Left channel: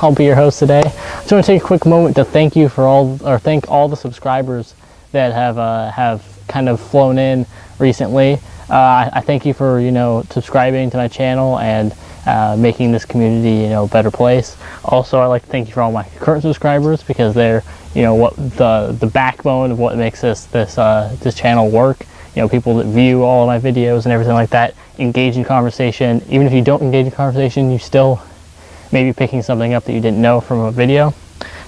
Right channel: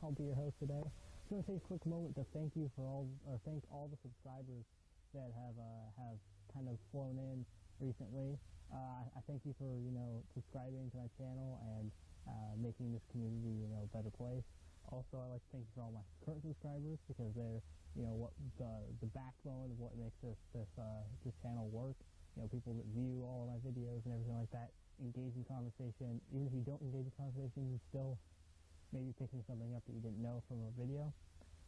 I'll be your host today. I just want to take a quick moment to thank you for thank all the subscribers that have kind of flown in recently. I thank you for subscribing to my channel and making this community a better place. Also, I'd like to thank you for all my current subscribers, because they're what the backbone of what makes this channel work. People that view all of my videos and everything like that, engage in conversation. Even if you don't engage in conversation, you still may be picking something up that you didn't know from a video.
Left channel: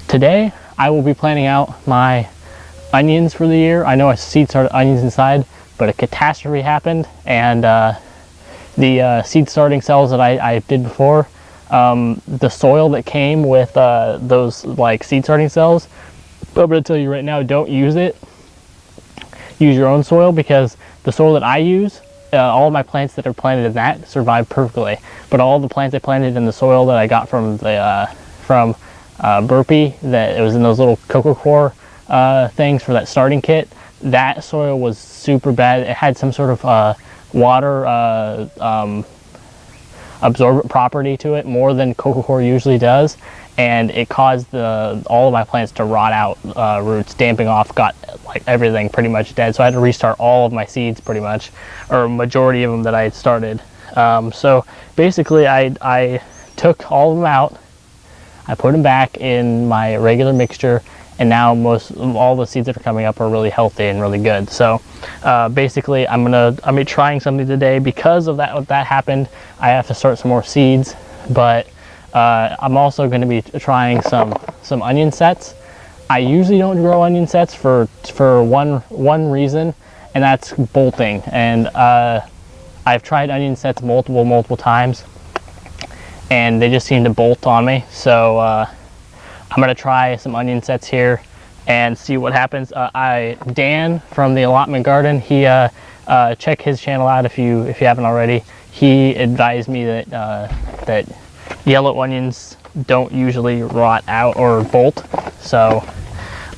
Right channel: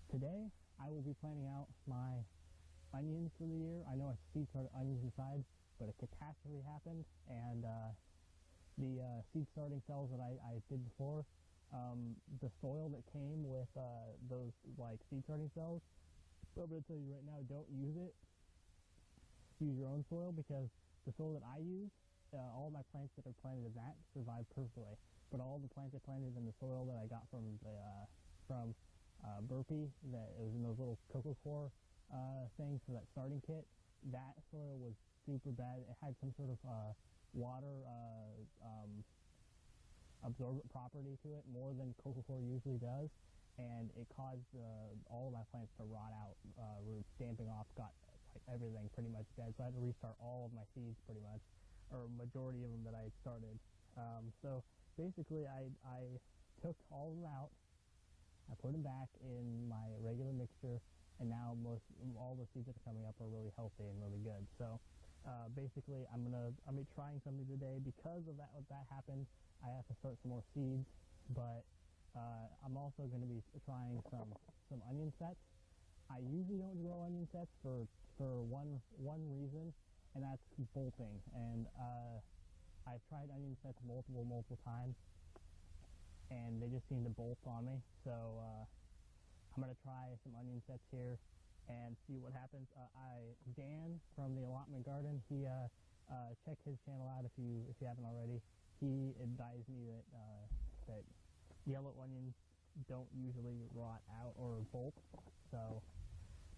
Today, I will be planning out my onions for the year. I know I seed started onions inside, but a catastrophe happened, and the seed starting cells that I did before, the soil that came with those like seed starting cells, I'm going to tell you right now, don't use it. Use your own soil, because the soil that I use, all of my plants that are planted in that survive perfectly. But all the plants I planted in the soil that I got from the Burpee, that it was in those little coco core things for that starting kit, that soil was super bad. It had some sort of water absorbent property to it, more than coco core usually does, and it caused all of my plants to rot out, roots damping off, got like everything pretty much dead. So I had to restart all of my seeds pretty much, or majority of them that I had started. So basically I took all of them out, I put them back in my regular mixture, and now all the seeds that are coming up are really healthy and really good. So basically I'm gonna be trying something today. Because of that, what that happened, I have to start some more seeds, but I'm also going to be trying some onion sets. I usually don't grow onion sets for one reason, and that's bolting. And I've tried onion sets multiple times, and they just seem to bolt on me. So I'm going to try some onion sets here and see what happens. Dan from the Allotment Garden, he check his channel out if you haven't already. He advised me that yellow onions don't usually rot out or bolt, so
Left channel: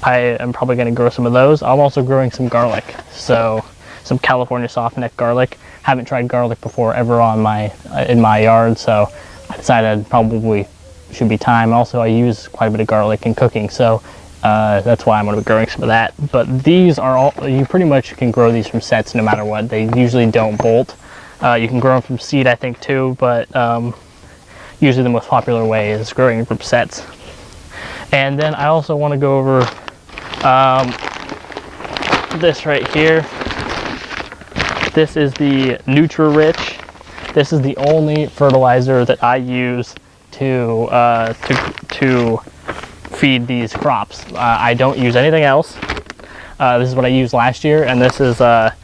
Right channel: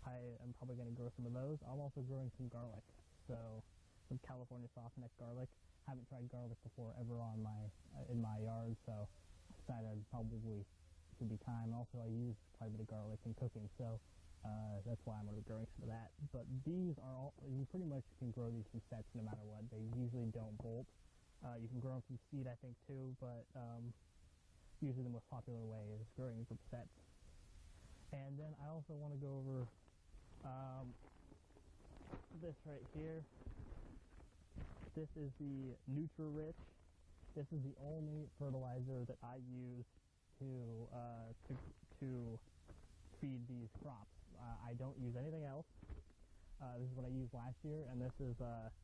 I am probably going to grow some of those. I'm also growing some garlic, so some California softneck garlic. Haven't tried garlic before ever in my yard, so I decided probably should be time. Also, I use quite a bit of garlic in cooking, so that's why I'm going to be growing some of that. But these are all, you pretty much can grow these from sets no matter what. They usually don't bolt. You can grow them from seed, I think, too, but usually the most popular way is growing from sets. And then I also want to go over this right here. This is the Nutri-Rich. This is the only fertilizer that I use to feed these crops. I don't use anything else. This is what I used last year, and this is a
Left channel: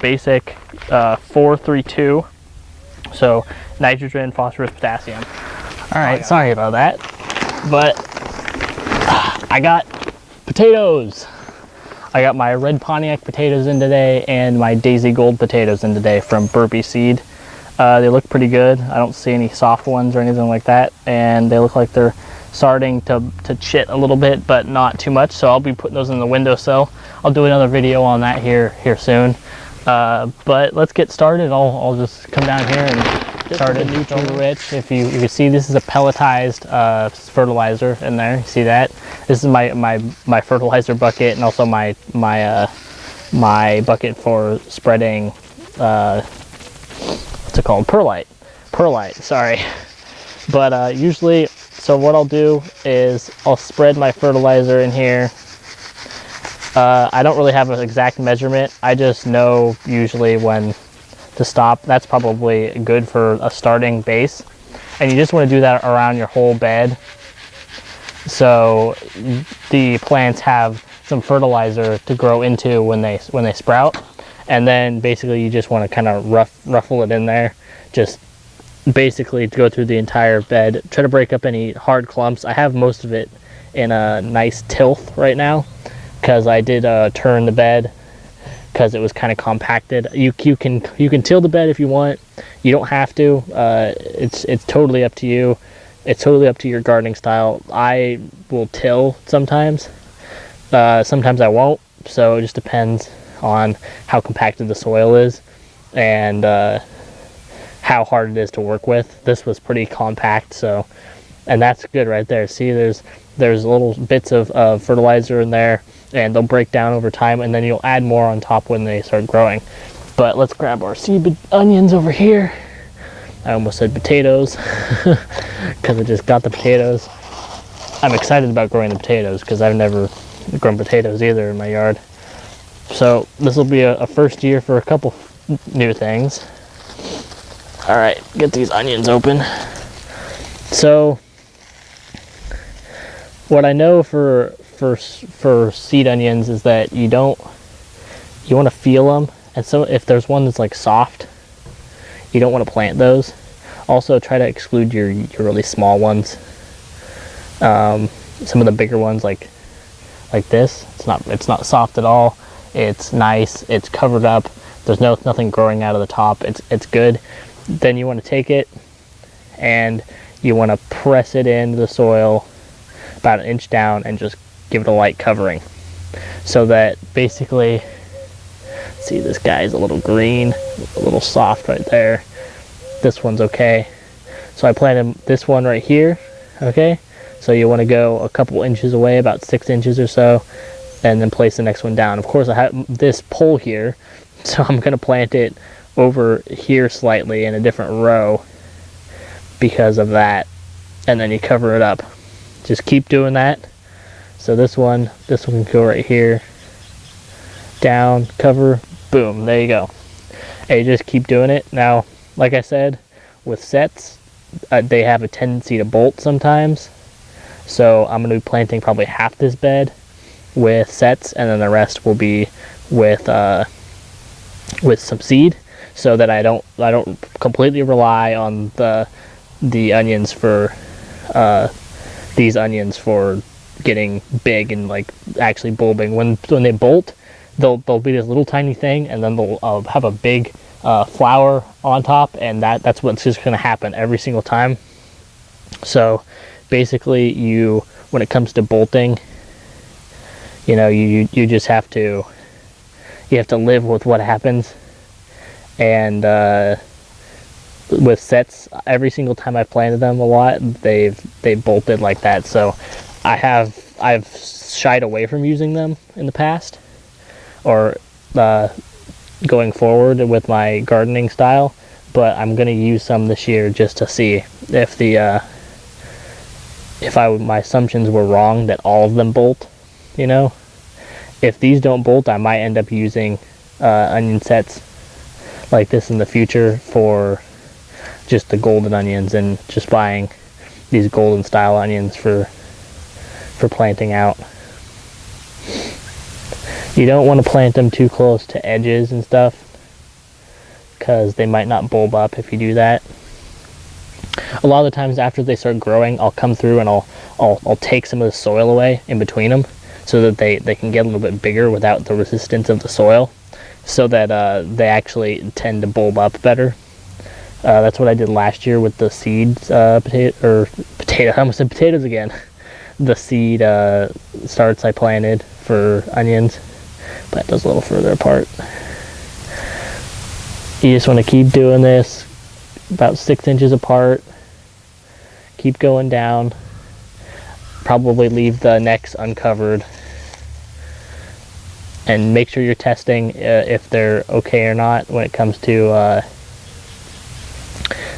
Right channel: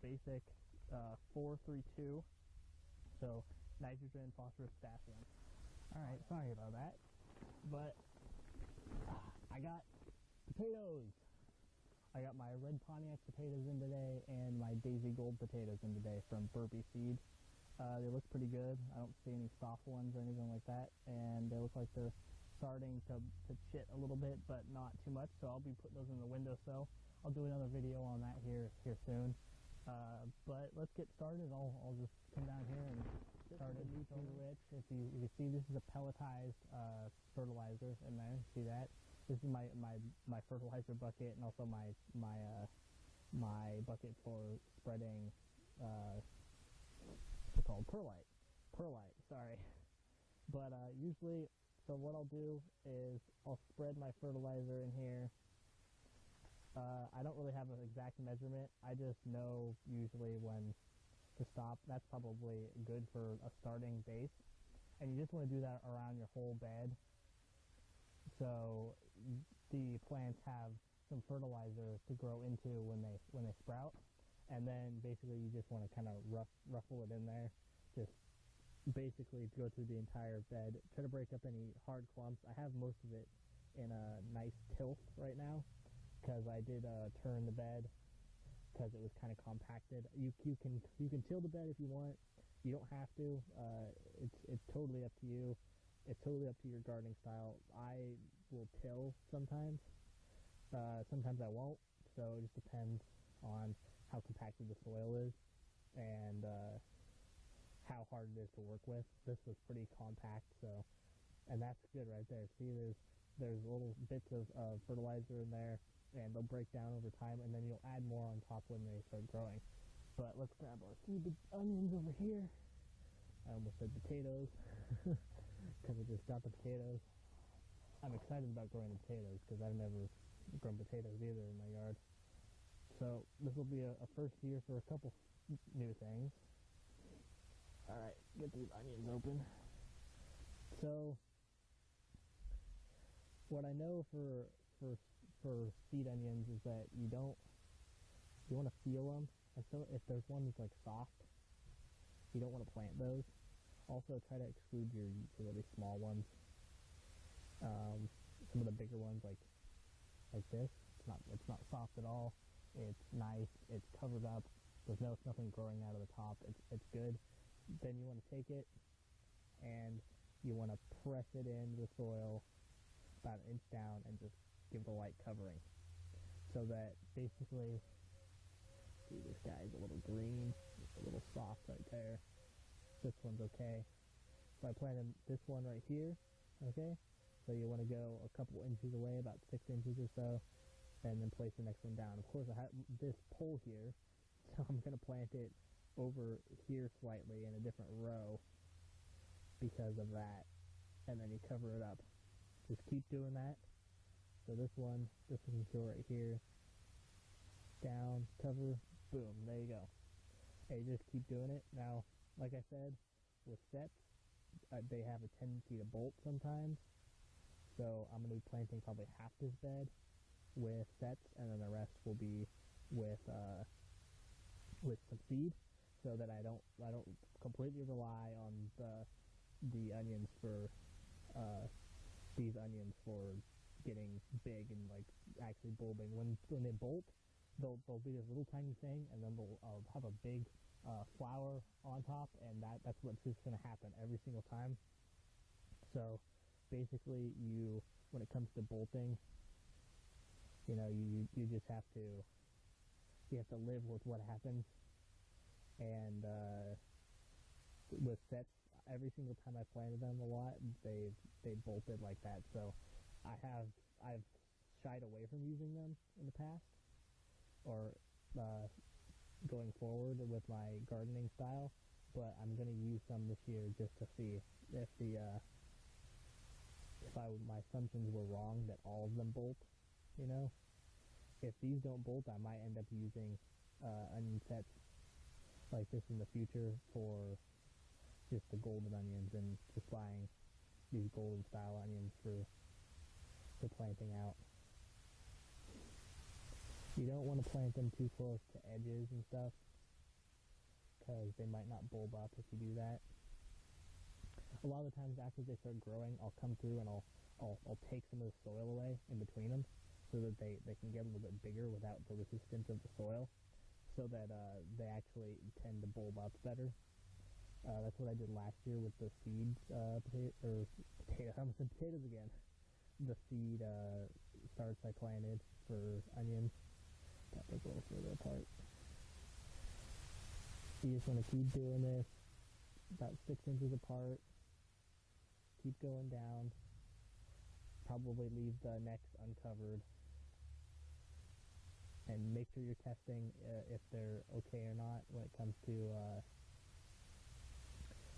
basic 4-3-2. So nitrogen, phosphorus, potassium. All right, sorry about that, but I got potatoes. I got my red Pontiac potatoes in today and my Daisy Gold potatoes in today from Burpee Seed. They look pretty good. I don't see any soft ones or anything like that, and they look like they're starting to chit a little bit, but not too much. So I'll be putting those in the windowsill. I'll do another video on that here soon. But let's get started. I'll just come down here and start it. Nutri-Rich. If you can see, this is a pelletized fertilizer in there. You see that? This is my fertilizer bucket, and also my bucket for spreading. What's it called? Perlite. Sorry. But usually, so what I'll do is I'll spread my fertilizer in here. I don't really have an exact measurement. I just know usually when to stop. That's probably good for a starting base. And you just want to do that around your whole bed, so the plants have some fertilizer to grow into when they sprout. And then basically you just want to kind of ruffle it in there. Just basically to go through the entire bed. Try to break up any hard clumps. I have most of it in a nice tilth right now, because I did turn the bed because it was kind of compacted. You can till the bed if you want. You don't have to. It's totally up to you. It's totally up to your gardening style. I will till sometimes. Sometimes I won't. So it just depends on how compacted the soil is and how hard it is to work with. This was pretty compact, so And that's good right there. See, there's little bits of fertilizer in there, and they'll break down over time, and then you'll add more on top when they start growing. But let's grab our seed onions over here. I almost said potatoes because I just got the potatoes. I'm excited about growing the potatoes because I've never grown potatoes either in my yard. So this will be a first year for a couple new things. All right, get these onions open. So what I know for seed onions is that you want to feel them, and so if there's one that's like soft, you don't want to plant those. Also, try to exclude your really small ones. Some of the bigger ones, like this, it's not soft at all. It's nice. It's covered up. There's nothing growing out of the top. It's good. Then you want to take it and you want to press it into the soil about 1 inch down and just give it a light covering, so that basically, see, this guy's a little green, a little soft right there. This one's okay. So I planted this one right here, okay? So you want to go a couple inches away, about 6 inches or so, and then place the next one down. Of course, I have this pole here, so I'm going to plant it over here slightly in a different row because of that, and then you cover it up. Just keep doing that. So this one can go right here, down, cover, boom, there you go. And you just keep doing it. Now, like I said, with sets, they have a tendency to bolt sometimes. So I'm going to be planting probably half this bed with sets, and then the rest will be with some seed, so that I don't completely rely on the onions for these onions for getting big and like actually bulbing. When they bolt, they'll be this little tiny thing, and then they'll have a big flower on top, and that's what's just going to happen every single time. So basically, when it comes to bolting, you just have to live with what happens. And with sets, every single time I've planted them a lot, they've bolted like that. So I've shied away from using them in the past, or going forward with my gardening style. But I'm gonna use some this year just to see if my assumptions were wrong that all of them bolt. If these don't bolt, I might end up using onion sets like this in the future for just the golden onions, and just buying these golden style onions for planting out. You don't want to plant them too close to edges and stuff, because they might not bulb up if you do that. A lot of the times after they start growing, I'll come through and I'll take some of the soil away in between them, so that they can get a little bit bigger without the resistance of the soil, so that they actually tend to bulb up better. That's what I did last year with the seeds, potato. I almost said potatoes again. The seed starts I planted for onions. Plant those a little further apart. You just want to keep doing this, about 6 inches apart. Keep going down. Probably leave the necks uncovered, and make sure you're testing if they're okay or not when it comes to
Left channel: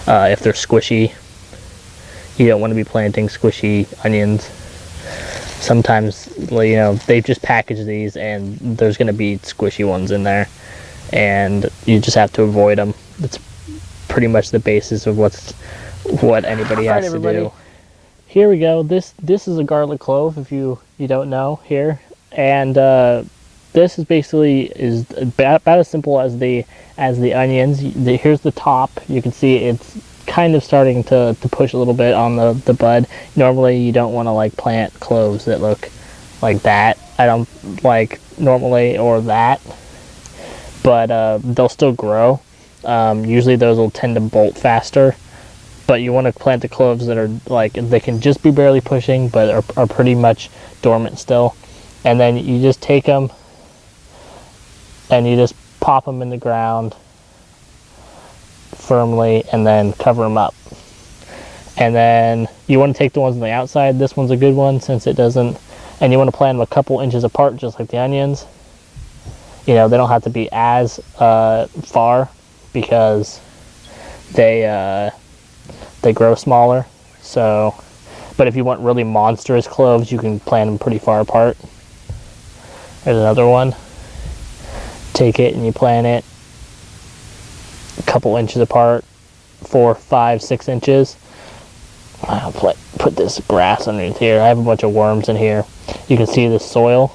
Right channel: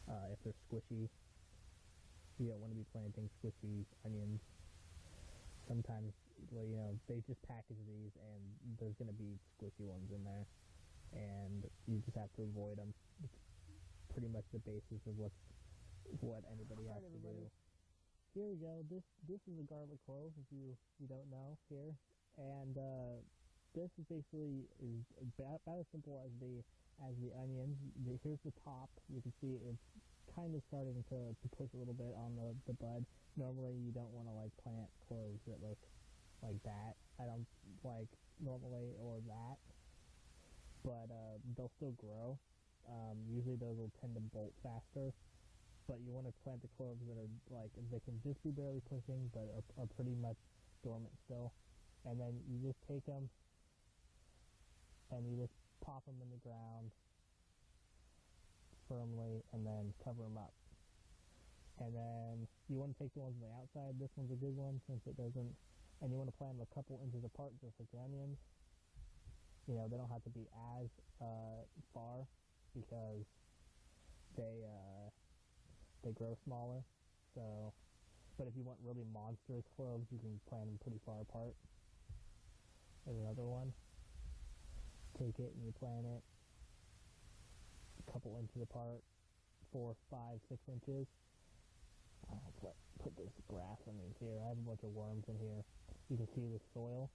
if they're squishy. You don't want to be planting squishy onions. Sometimes, they've just packaged these and there's going to be squishy ones in there, and you just have to avoid them. That's pretty much the basis of what anybody has to do. Here we go. This is a garlic clove, if you don't know here, and this is basically about as simple as the onions. Here's the top. You can see it's kind of starting to push a little bit on the bud. Normally you don't want to like plant cloves that look like that. I don't like normally, or that, but they'll still grow. Usually those will tend to bolt faster, but you want to plant the cloves that are like, they can just be barely pushing but are pretty much dormant still. And then you just take them and you just pop them in the ground firmly, and then cover them up. And then you want to take the ones on the outside. This one's a good one since it doesn't, and you want to plant them a couple inches apart, just like the onions. You know, they don't have to be as far because they grow smaller. So, but if you want really monstrous cloves, you can plant them pretty far apart. There's another one. Take it and you plant it a couple inches apart, 4, 5, 6 inches. I'll put this grass underneath here. I have a bunch of worms in here. You can see the soil.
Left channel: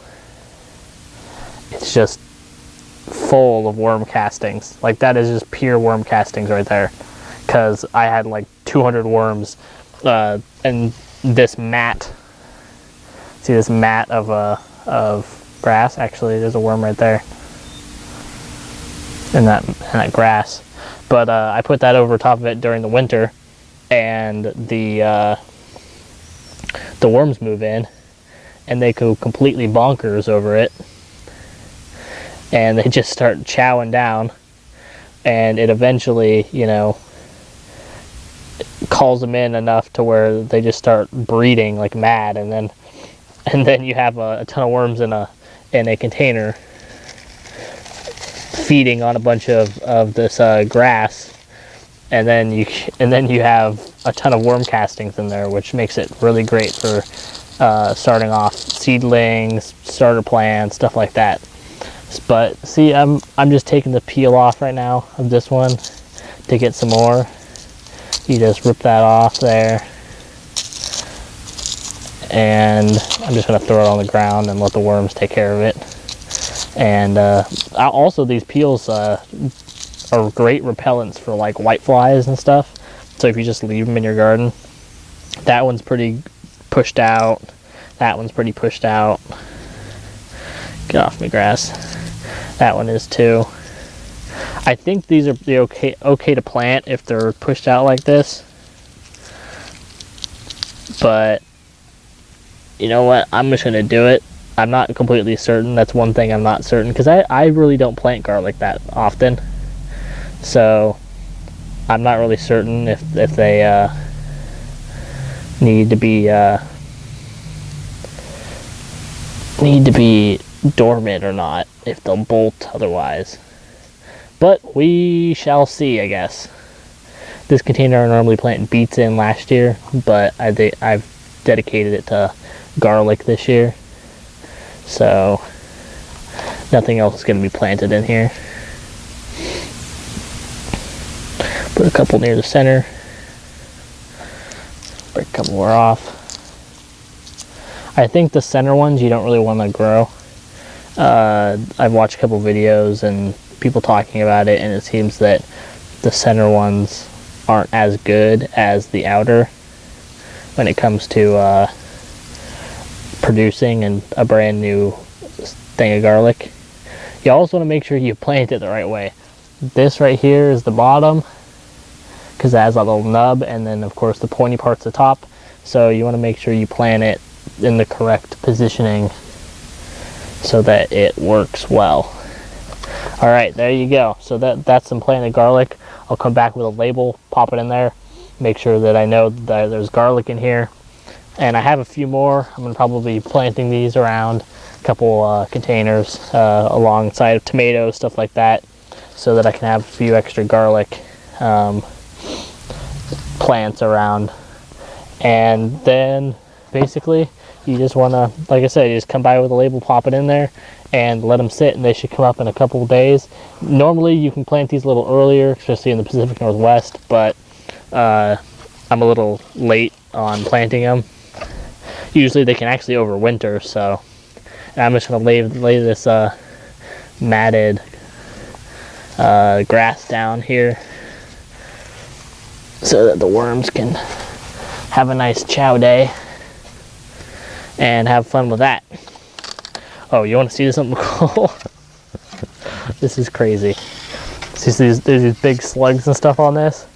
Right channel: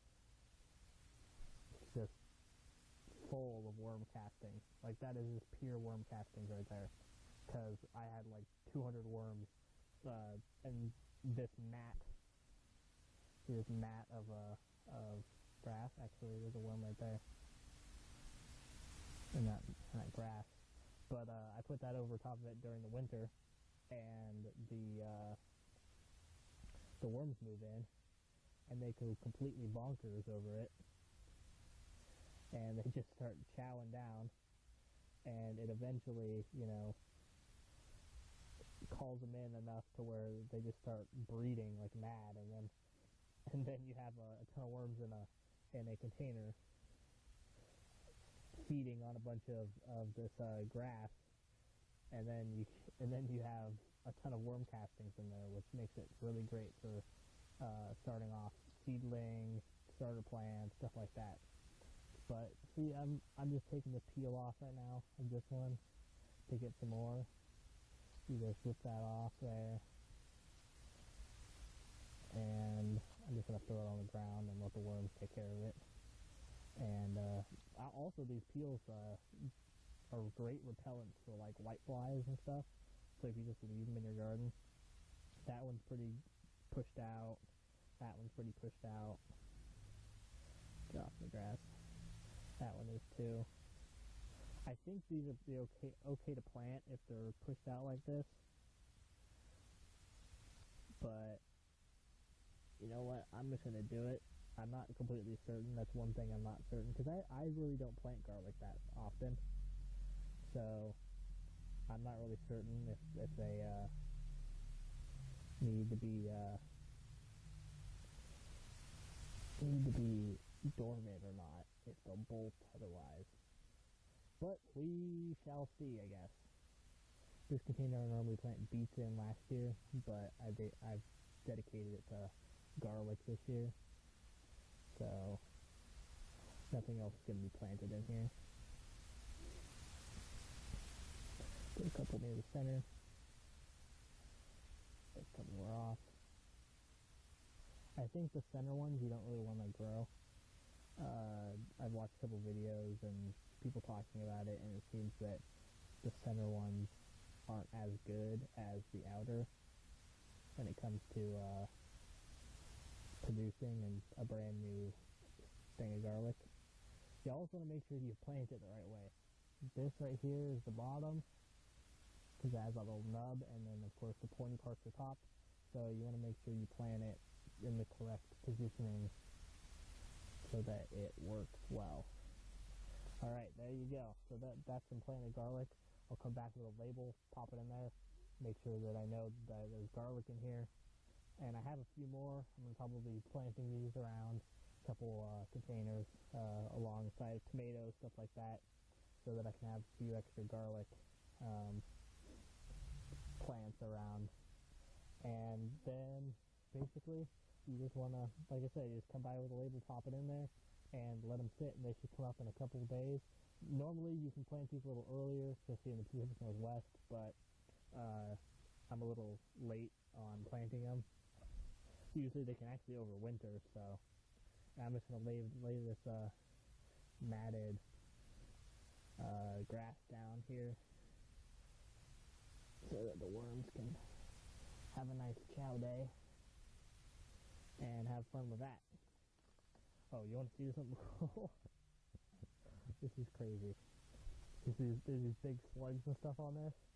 It's just full of worm castings. Like, that is just pure worm castings right there. Because I had like 200 worms and this mat. See this mat of grass? Actually, there's a worm right there in that grass. But I put that over top of it during the winter, and the worms move in, and they go completely bonkers over it, and they just start chowing down, and it eventually, you know, calls them in enough to where they just start breeding like mad, and then you have a ton of worms in a container feeding on a bunch of this grass, and then you have a ton of worm castings in there, which makes it really great for starting off seedlings, starter plants, stuff like that. But see, I'm just taking the peel off right now of this one to get some more. You just rip that off there, and I'm just gonna throw it on the ground and let the worms take care of it. And also, these peels are great repellents for like white flies and stuff. So if you just leave them in your garden, that one's pretty pushed out. That one's pretty pushed out. Get off my grass. That one is too. I think these are okay to plant if they're pushed out like this. But you know what? I'm just gonna do it. I'm not completely certain. That's one thing I'm not certain, because I really don't plant garlic that often. So I'm not really certain if they need to be dormant or not, if they'll bolt otherwise. But we shall see, I guess. This container I normally plant beets in last year, but I've dedicated it to garlic this year. So nothing else is going to be planted in here. Put a couple near the center. Break a couple more off. I think the center ones you don't really want to grow. I've watched a couple videos and people talking about it, and it seems that the center ones aren't as good as the outer when it comes to producing and a brand new thing of garlic. You also want to make sure you plant it the right way. This right here is the bottom, because it has a little nub, and then of course the pointy part's the top. So you want to make sure you plant it in the correct positioning so that it works well. All right, there you go. So that's some planted garlic. I'll come back with a label, pop it in there, make sure that I know that there's garlic in here. And I have a few more. I'm going to probably be planting these around a couple containers alongside of tomatoes, stuff like that, so that I can have a few extra garlic plants around. And then basically you just want to, like I said, you just come by with a label, pop it in there, and let them sit, and they should come up in a couple of days. Normally you can plant these a little earlier, especially in the Pacific Northwest, but I'm a little late on planting them. Usually they can actually overwinter, so I'm just going to lay this matted grass down here so that the worms can have a nice chow day and have fun with that. Oh, you want to see something cool? This is crazy. See, there's these big slugs and stuff on this,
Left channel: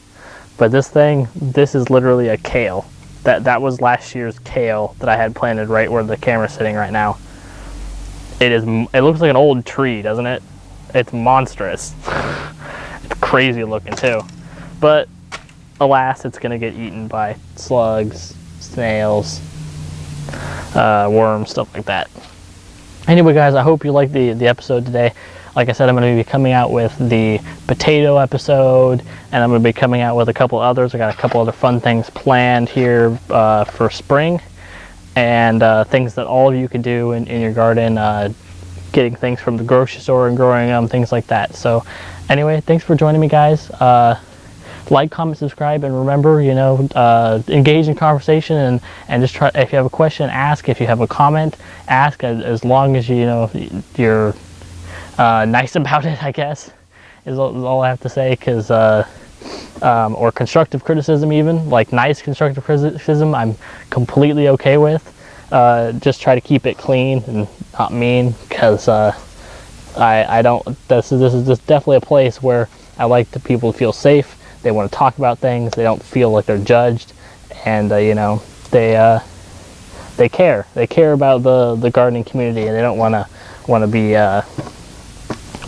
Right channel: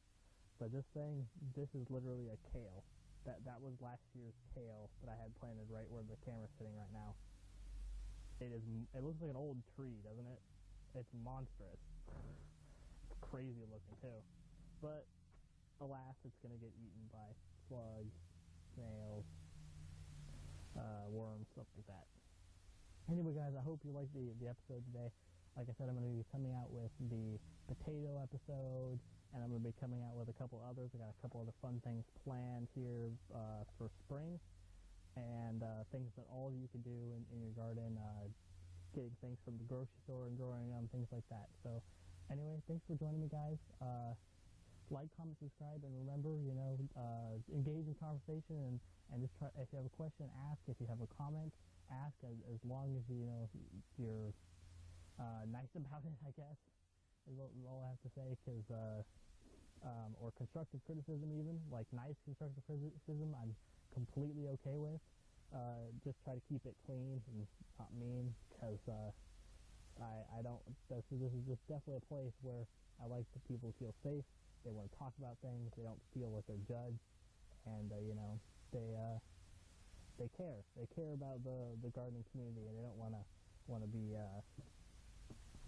but this is literally a kale. That was last year's kale that I had planted right where the camera's sitting right now. It looks like an old tree, doesn't it? It's monstrous. It's crazy looking too. But alas, it's going to get eaten by slugs, snails, worms, stuff like that. Anyway, guys, I hope you liked the episode today. Like I said, I'm going to be coming out with the potato episode, and I'm going to be coming out with a couple others. I got a couple other fun things planned here for spring, and things that all of you can do in your garden, getting things from the grocery store and growing them, things like that. So anyway, thanks for joining me, guys. Like, comment, subscribe, and remember, engage in conversation, and just try. If you have a question, ask. If you have a comment, ask. As long as you're nice about it, I guess, is all I have to say. Because or constructive criticism, even like nice constructive criticism, I'm completely okay with. Just try to keep it clean and not mean, because I don't. This is just definitely a place where I like the people to feel safe. They want to talk about things. They don't feel like they're judged, and they care. They care about the gardening community, and they don't want to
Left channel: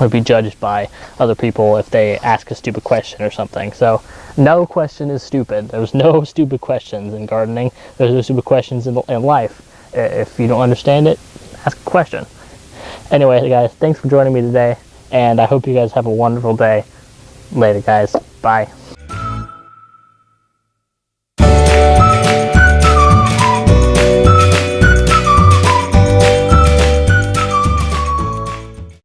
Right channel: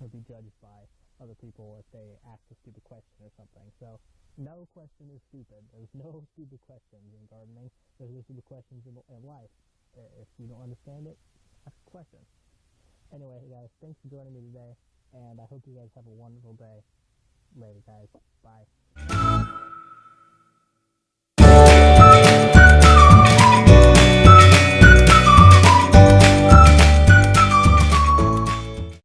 be judged by other people if they ask a stupid question or something. So no question is stupid. There's no stupid questions in gardening. There's no stupid questions in life. If you don't understand it, ask a question. Anyway, guys, thanks for joining me today, and I hope you guys have a wonderful day. Later, guys. Bye.